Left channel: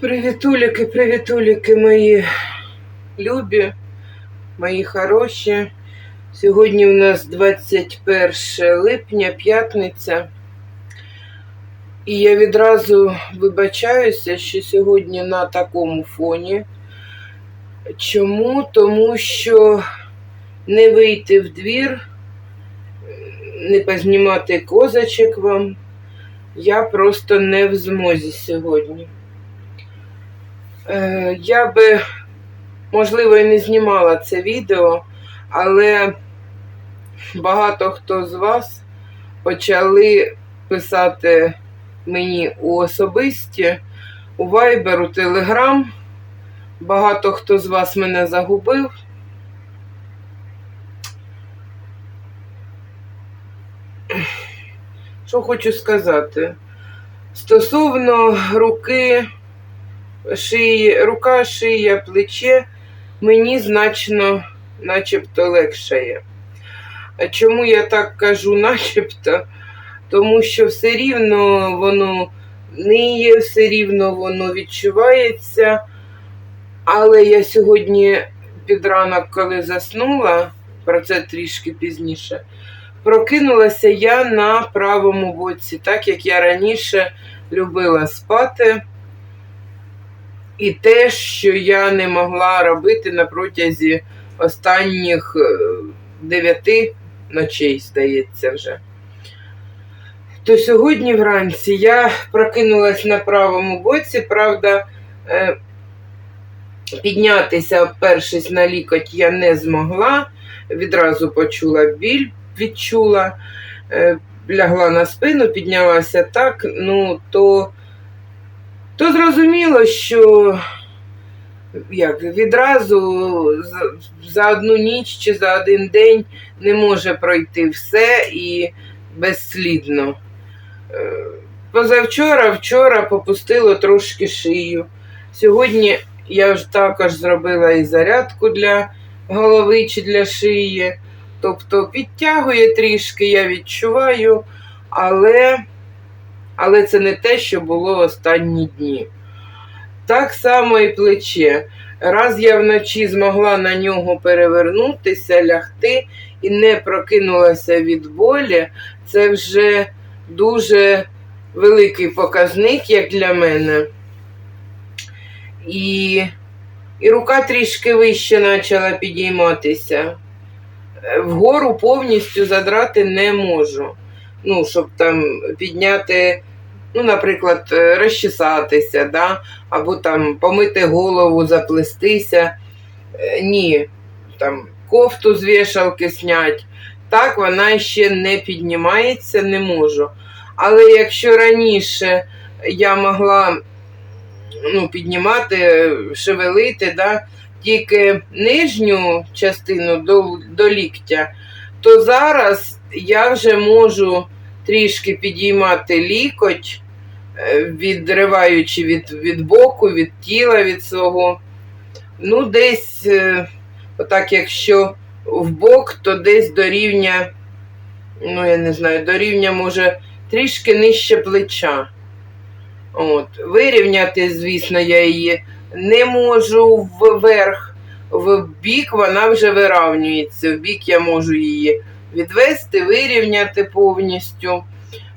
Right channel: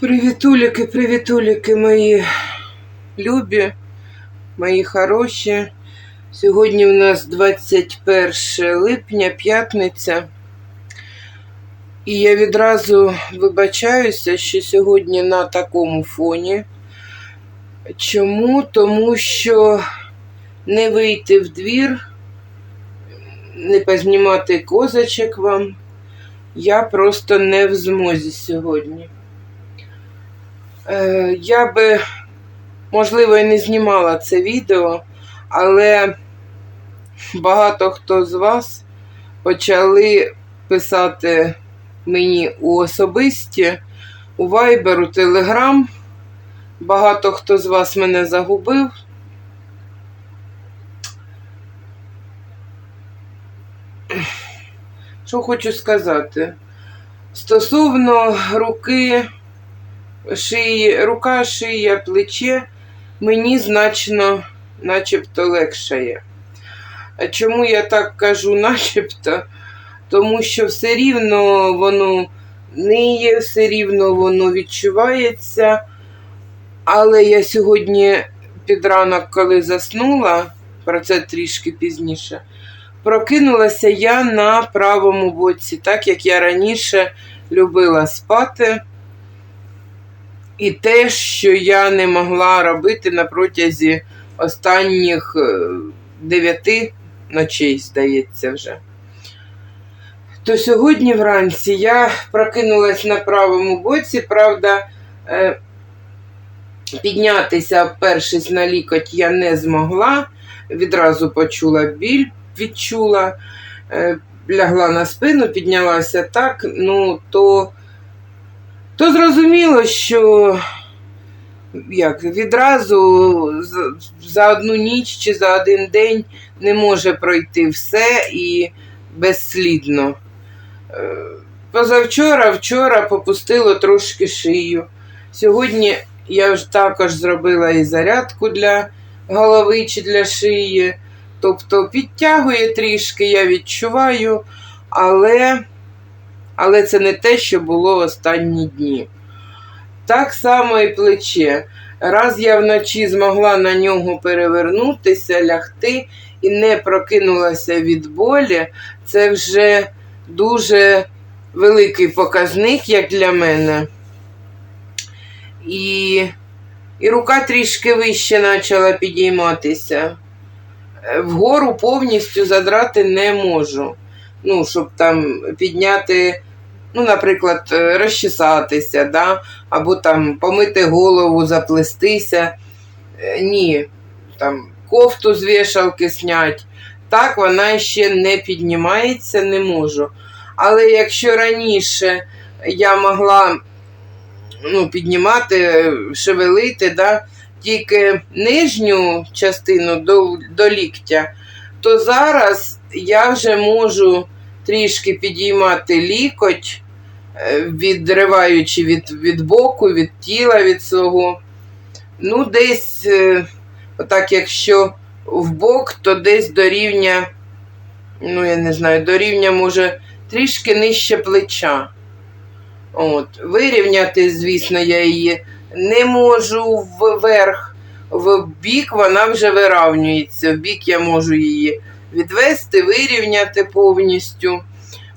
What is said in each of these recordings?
Привітуліки, привітуліки мої любі, мої хороші. Сьогодні у нас 21 липня, п'ятниця. І я відразу вибачаюся, що сьогодні на такому фоні. Чому? Тому що не вийти в двір, не познімати козачок вам. Я просто не в змозі сьогодні. Е, Я би, можливо, і не знімала це відео, але багато хто з вас почали писати мені у особисті, у Viber, у Telegram. Багато хто з вас мене загубив. Що хочу сказати? Стосовно руки, шиї, рука, шия, плече мені значно начебто легшає. А чому я так кажу начебто? Тому що все рівно воно ниє, все рівно воно відчувається. Але я сьогодні під ранок, коли заснула, про це трішки пізніше, прокинулася я на правому боці, так як я раніше любила спати. І те, що я не могла робити на протязі останніх е, дев'яти ночей, здається, вже. То сьогодні вранці я прокинулась на правому боці, правда, е, піднятися, опершись на лікоть, я не змогла. Відразу почула біль, відчула, е, лягла на спину, піднялася так, ну, то то зрозуміло, що як, відразу за одну ніч чи за один день не може пройти все і безслідно. Е, Позавчора, вчора попустило трошки шию. Сьогодні я ж також зробила і зарядку для голови чи для шиї. Тобто підтягує трішки, я відчуваю, але але це не те, що було в останні дні. Так само і плече. Раз я вночі змогла на нього перевернутися, лягти і не прокинулася від болі, це вже дуже великий показник, як для мене. І, і рука трішки вище почала підійматися. Вгору повністю задрати не можу ну, щоб там підняти, ну, наприклад, е, розчесатися, да? або там помити голову, заплестися. Е, ні, там кофту з вішалки снять. Так, вона ще не піднімається, не можу. Але якщо раніше я могла ну, піднімати, шевелити, да, тільки нижню частину до, до ліктя, то зараз я вже можу трішки підіймати лікоть, е, відриваючи від від боку, від тіла від свого. Ну, десь, е, отак, якщо в бок, то десь до рівня, ну, я не знаю, до рівня, може, трішки нижче плеча. От. Вирівняти, звісно, я її не можу вверх, в бік вона вже виравнюється. В бік я можу її відвести, вирівняти повністю.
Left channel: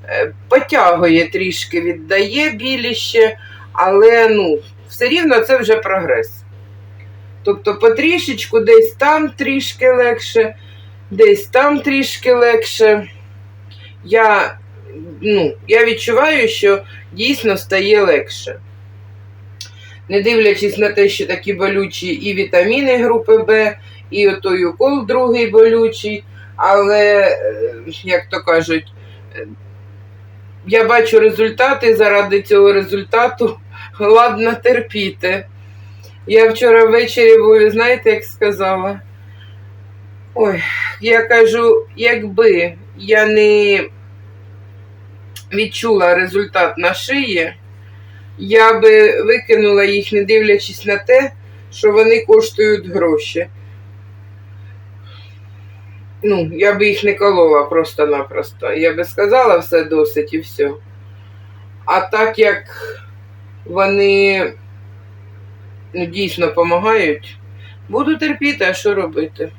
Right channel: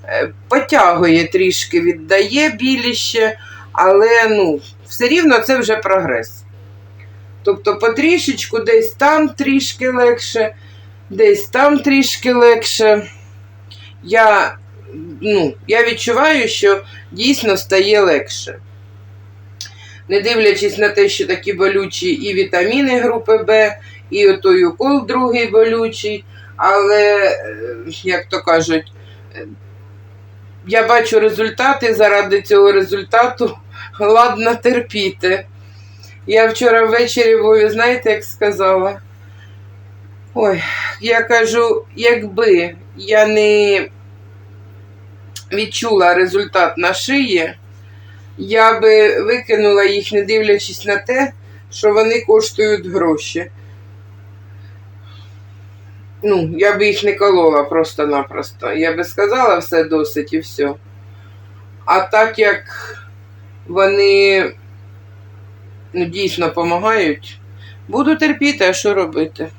Е, потягує трішки, віддає біліще, але ну, все рівно це вже прогрес. Тобто потрішечку десь там трішки легше, десь там трішки легше. Я ну, я відчуваю, що дійсно стає легше. Не дивлячись на те, що такі болючі і вітаміни групи Б, і отой укол другий болючий. Але, е, як то кажуть, е, я бачу результати, заради цього результату ладно терпіти. Я вчора ввечері, ви знаєте, як сказала? Ой, я кажу, якби я не відчула результат на шиї, я би викинула їх, не дивлячись на те, що вони коштують гроші. Ну, я би їх не колола просто-напросто. Я би сказала все досить і все. А так як вони ну, дійсно допомагають, буду терпіти, а що робити.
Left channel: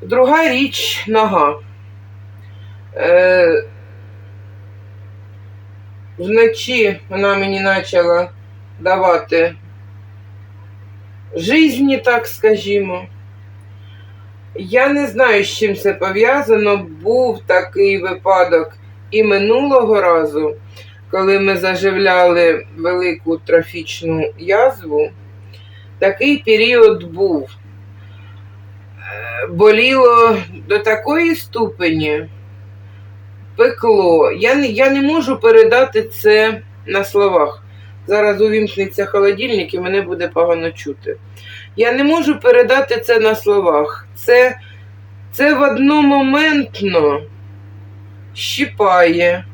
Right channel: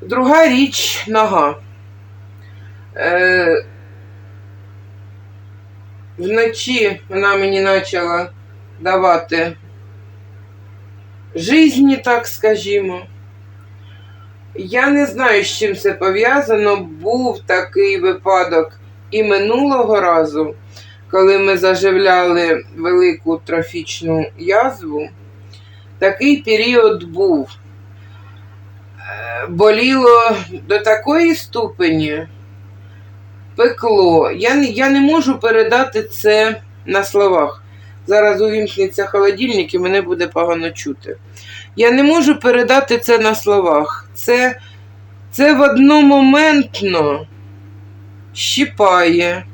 Друга річ нога. Е, вночі вона мені почала давати жизні, так скажімо. Я не знаю, з чим це пов'язано. Був такий випадок і минулого разу, коли ми заживляли велику трофічну язву. Такий період був. Е, Боліло до такої ступені, пекло. Я не, я не можу передати це на словах. Зараз увімкнеться холодильник і мене буде погано чути. Я не можу передати це на словах. Це, це в одномоментно щипає,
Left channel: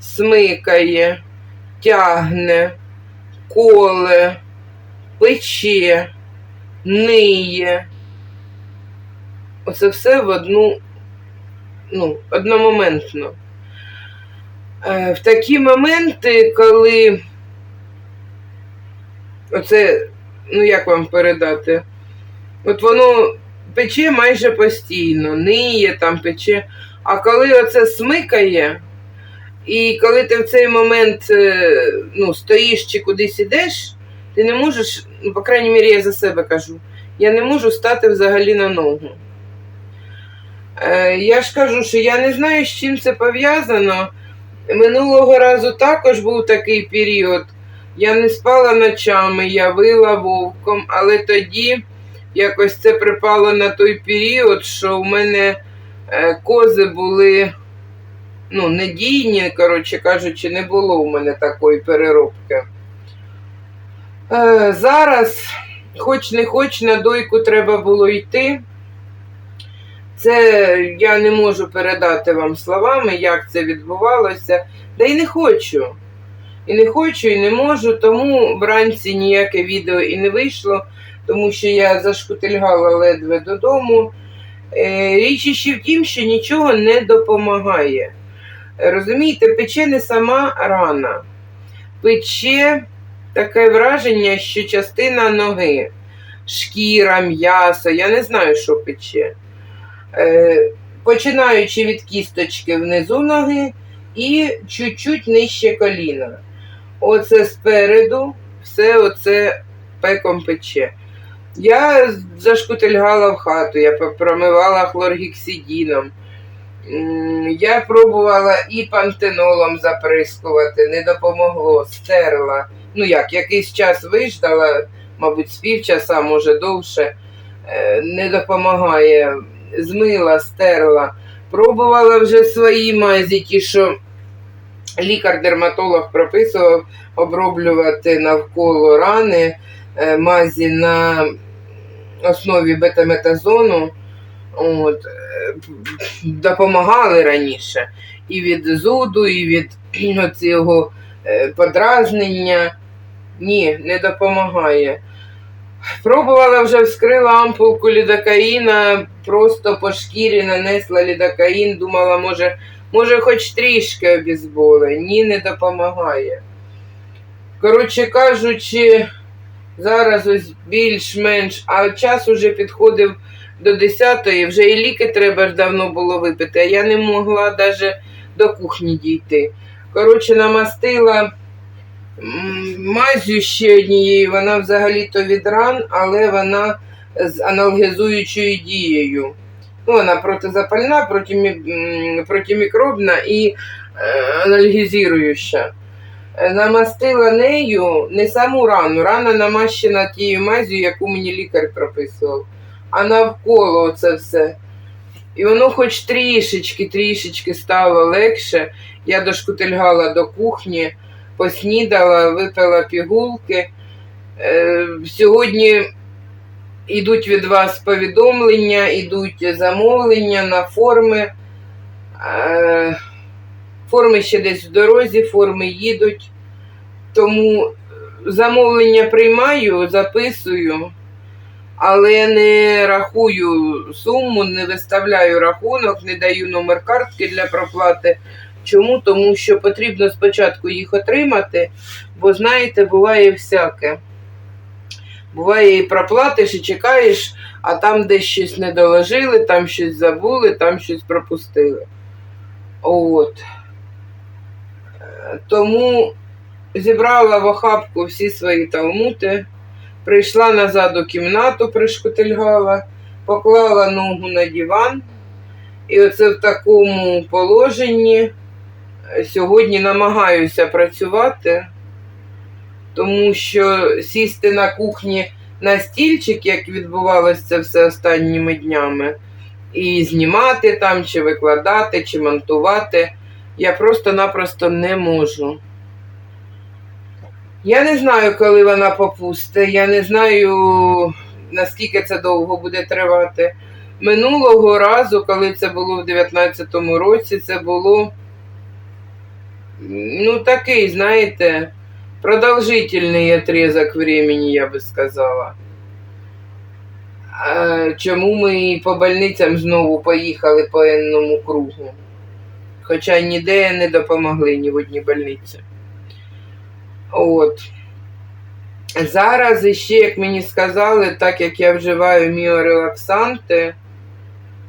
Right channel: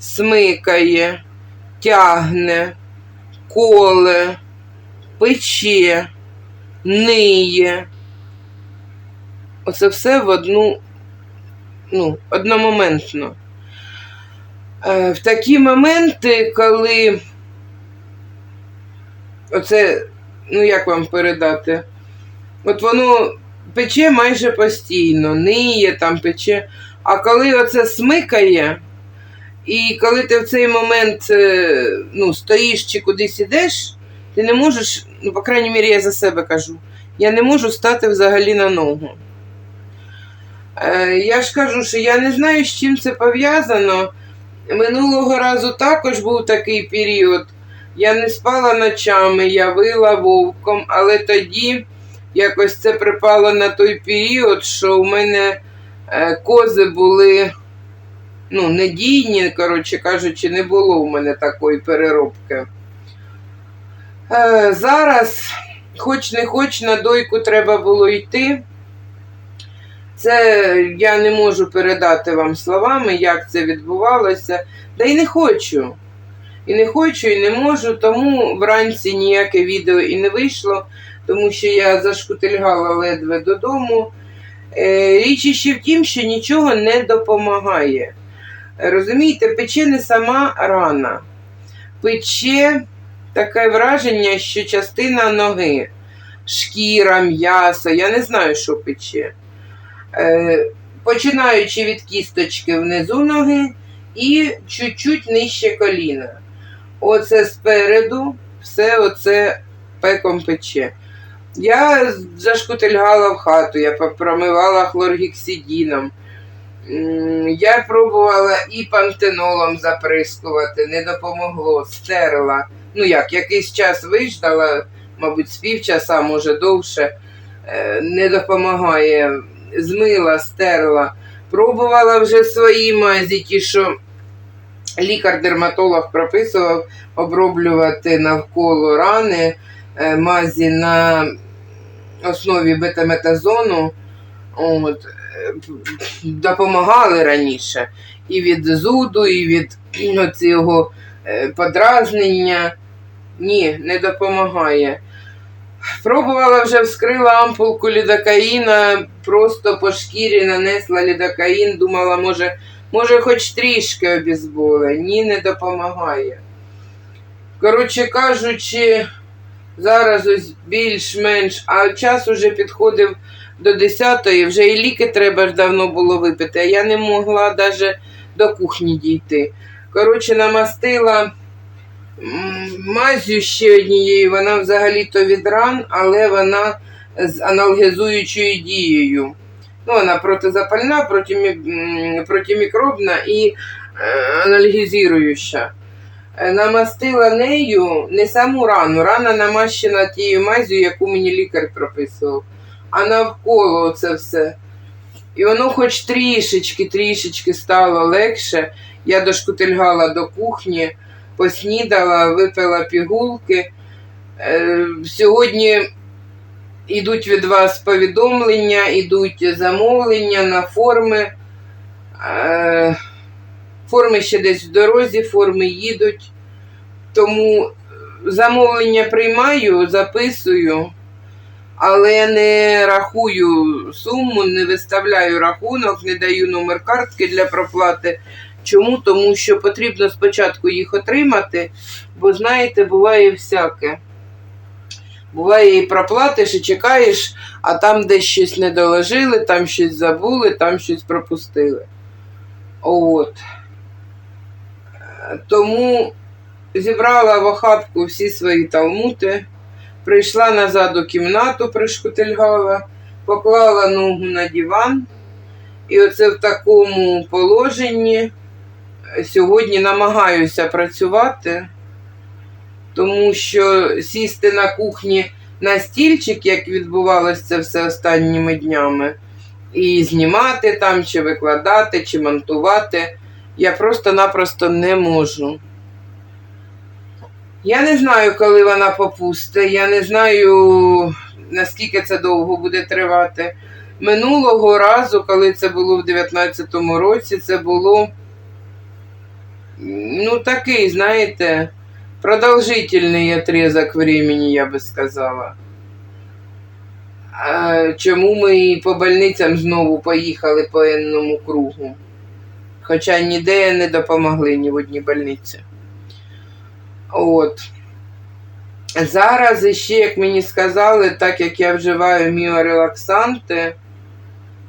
смикає, тягне, коле, пече, ниє. Оце все в одну, ну, одномоментно. Е, В такі моменти, коли оце, ну як вам передати, от воно пече майже постійно, ниє там пече. А коли оце смикає, і коли ти в цей момент е, ну, стоїш чи кудись ідеш, ти не можеш, ну, по крайній мірі, я за себе кажу, я не можу стати взагалі на ногу. Е, я ж кажу, що я не знаю, з чим це пов'язано. Минулого разу також був такий період. Я не спала ночами, я вила вовком, але тоді якось це припало на той період, що у мене е, кози були ну, недійні, коротше кажучи, не було у мене такої переробки. Е, зараз, хоч не хоч, на дойку треба було йти. Це я не можу передати вам словами, як це відбувалося. Та й не хочу. І не хочу, і не можу, тому вранці ніяке відео і не вийшло, тому що я зашкутильгала ледве додому. Е, Річ іще в тім, що нічого не допомагає. Розумієте, пече не сама рана. Пече таке враження, що частина ноги, шкіра, м'ясо, я не знаю, що пече. Е, Починаючи від кісточки внизу ноги і чуть-чуть нижче коліна. Оце спереду все оце пеком пече. Я зашкутильгала в хату, я промивала хлоргексидіном. Я пробувала і пантенолом заприскувати, не допомогло, стерла. Ну як, якийсь час виждала, мабуть, з півчаса, може довше, е, не допомагає. Змила, стерла. Пробувала вже свої мазі, ті, що лікар-дерматолог прописував оброблювати навколо рани е, мазі на основі бетаметазону. От, е, допомагали раніше і від зуду, і від цього е, подразнення. Ні, не допомагає. Пробувала вже вскрила ампулку лідокаїна, просто по шкірі нанесла лідокаїн, думала, може, може, хоч трішки обізболи. Ні, не допомагає. Коротше кажучи, зараз ось більш-менш, а час уже підходив до 10-ї, вже і ліки треба ж давно було випити, а я не могла навіть до кухні дійти. Коротше, намастила мазю ще однією, вона взагалі-то від ран, але вона з аналгезуючою дією. Ну, вона протизапальна, протимі- протимікробна і е, анальгезуюча. Е, Намастила нею не саму рану. Рана намащена тією мазю, яку мені лікар прописував, а навколо це все. І воно хоч трішечки, трішечки стало легше. Я дошкутильгала до кухні, поснідала, випила пігулки. Е, Сьогодні йдуть від вас повідомлення, йдуть замовлення на форми. Е, Форми ще десь в дорозі, форми їдуть. Тому замовлення приймаю, записую, але не рахую суму, не виставляю рахунок, не даю номер картки для проплати. Чому? Тому що потрібно спочатку їх отримати, бо знаєте, буває всяке. Буває, і проплатиш, і чекаєш, а там десь щось не доложили, там щось забули, там щось пропустили. От. Тому зібрала в охапку всі свої талмути, прийшла назад у кімнату, пришкутильгала, поклала ногу на диван. І оце в такому положенні сьогодні намагаюся працювати, тому що сісти на кухні на стільчик, як відбувалося це все останніми днями, і знімати там, чи викладати, чи монтувати, я просто-напросто не можу. Я не знаю, коли вона попусте, я не знаю, наскільки це довго буде тривати. Минулого разу, коли це було в 19-му році, це було ну такий, знаєте, продовжительний отрезок времени, я би сказала. А Чому ми по больницям знову поїхали по енному кругу? Хоча ніде не допомогли ні в одній больниці. От. Зараз іще, як мені сказали, так як я вживаю міорелаксанти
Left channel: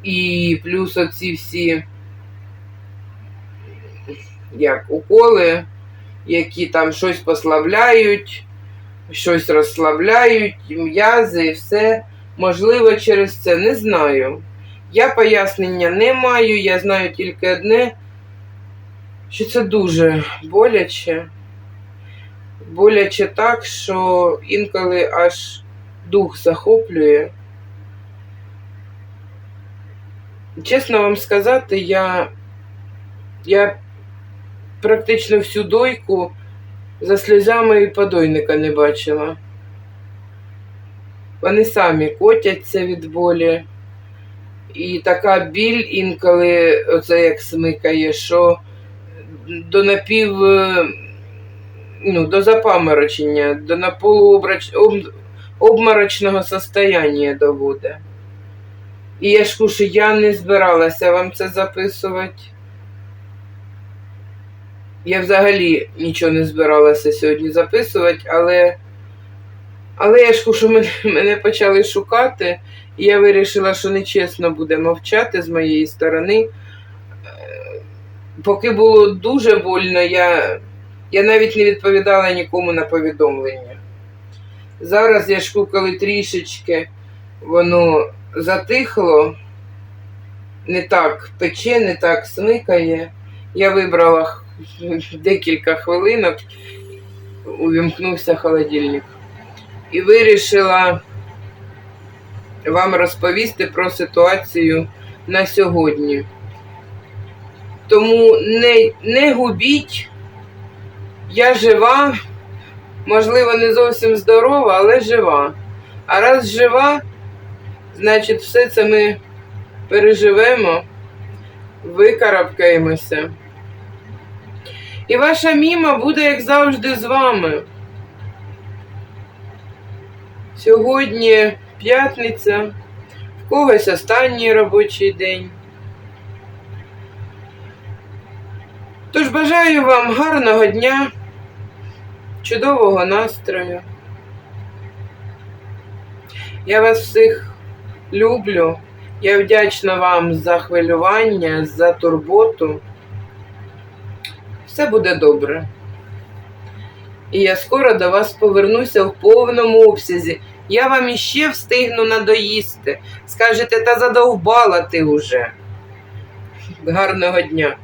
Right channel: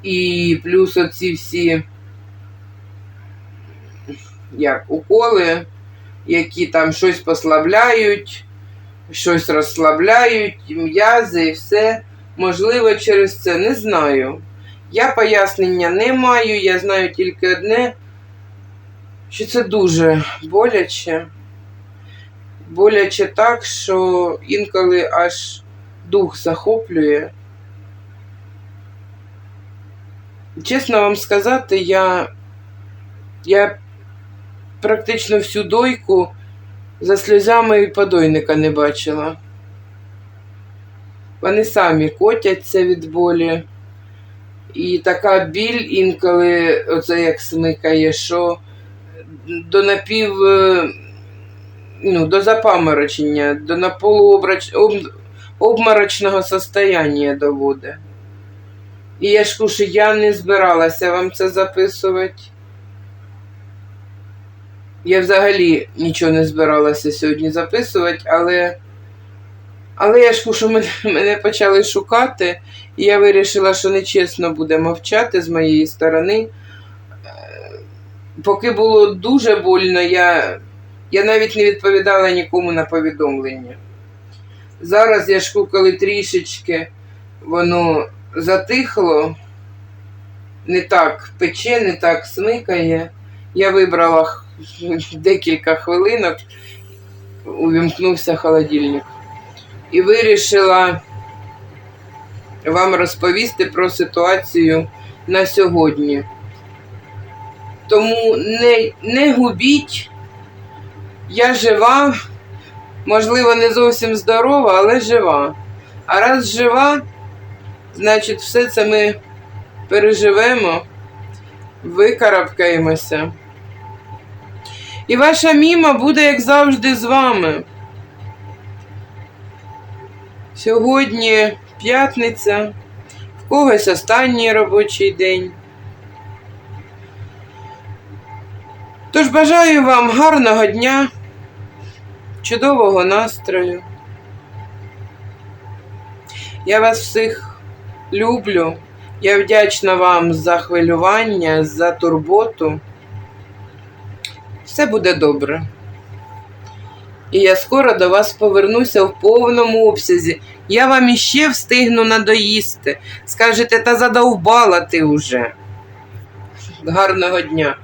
і плюс оці всі як уколи, які там щось послабляють, щось розслабляють, м'язи і все. Можливо, через це не знаю. Я пояснення не маю, я знаю тільки одне, що це дуже боляче. Боляче так, що інколи аж дух захоплює. Чесно вам сказати, я, я практично всю дойку за сльозами і подойника не бачила. Вони самі котяться від болі. І така біль інколи, оце як смикає, що до напів, е, ну, до запаморочення, до обморочного состояння доводить. І я ж кушу, я не збиралася вам це записувати. Я взагалі нічого не збиралася сьогодні записувати, але, але я ж мене, мене почали шукати, і я вирішила, що нечесно буде мовчати з моєї сторони. Е, Поки було дуже больно, я, я навіть не відповідала нікому на повідомлення. Зараз я ж коли трішечки воно затихло, не так пече, не так смикає. Я вибрала х- декілька хвилинок, увімкнувся холодильник. І вирішила вам розповісти про ситуацію на сьогодні. Тому не, не губіть, я жива, можливо, не зовсім здорова, але жива. А раз жива, значить, все це ми переживемо, викарабкаємося. І ваша міма буде, як завжди, з вами. Сьогодні п'ятниця, в когось останній робочий день. Тож бажаю вам гарного дня, чудового настрою. Я вас всіх люблю. Я вдячна вам за хвилювання, за турботу. Все буде добре. І я скоро до вас повернуся в повному обсязі. Я вам іще встигну надоїсти. Скажете, та задовбала ти уже. Гарного дня!